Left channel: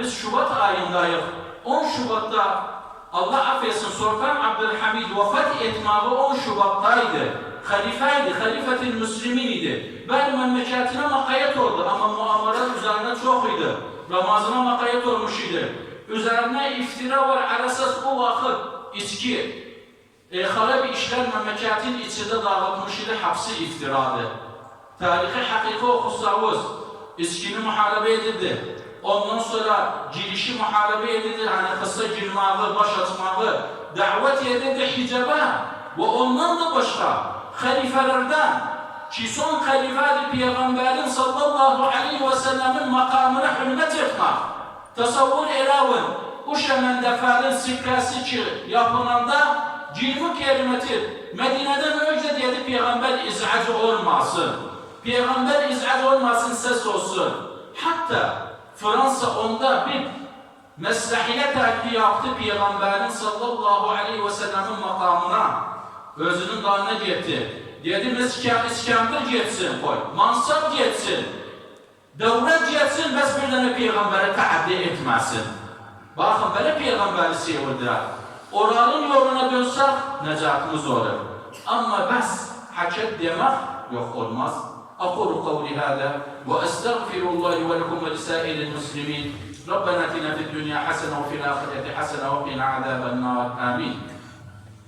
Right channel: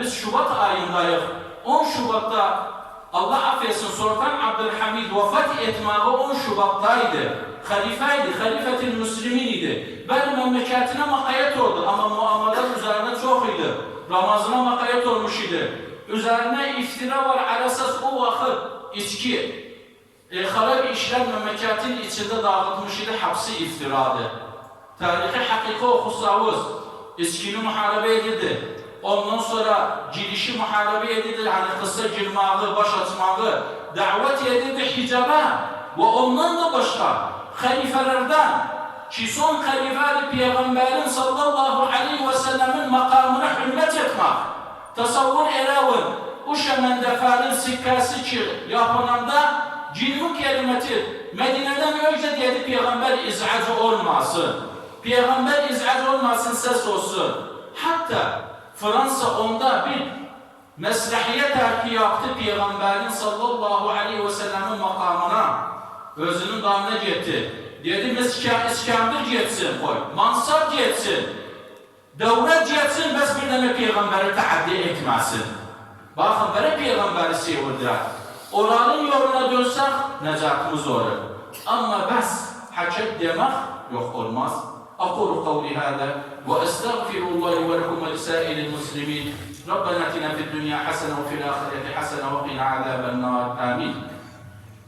biz Şubat ayındayıq. 10 Şubatda Allah affetsin Sultan Abdülhamid vefat etməyi 10 Şubat'taydı. Halifeydi, halifetil müslimin idi. Benim memleketine makayet oldu ama muamalat üzerine çok idi. Ramazana makayet olmuş idi. Üzerine iftira var, alasas o vakit içki. Harabi işler memleketin içinde dağıtmış idi, hapsi iftiradı. Tarihi hakiki okusavuz, içkini muharebe edildi. Ondan sonra girişi muharebe edildi, yani kısa girmağı, baş açmağı, davet edildi hicaba ve ondan da başka halifelerden ki son halifeli Peygamberin sallallahu aleyhi ve sellemin makamına hürmet etmek. Tasavvur elavın, o şemendeferin sikkası ki yapılanda cilmi kelimetir. Medine'den önce dedi Peygamber izcacı olmasın. Peygamber izcacı olmasın, ses olsun. Hatta Fransa onda bir meslehiye terki yaptı Peygamberin sallallahu aleyhi ve sellemin makamına. Özünün dalına gitti. Dedi İskender getsin, Mansab getsin. Devlet getsin, bəs bir dənə Peyğəmbəri təaddi etməsin. Baxın, belə Peyğəmbəri sevirdirək. Onların yoluna dönsək, nəcatımız olur. Amma bəs həkət demək yox olmaz. أقول قولي هذا وأستغفر الله ولكم ولسائر المسلمين ربنا آتنا في الدنيا حسنة وفي الآخرة حسنة وقنا عذاب النار آمين.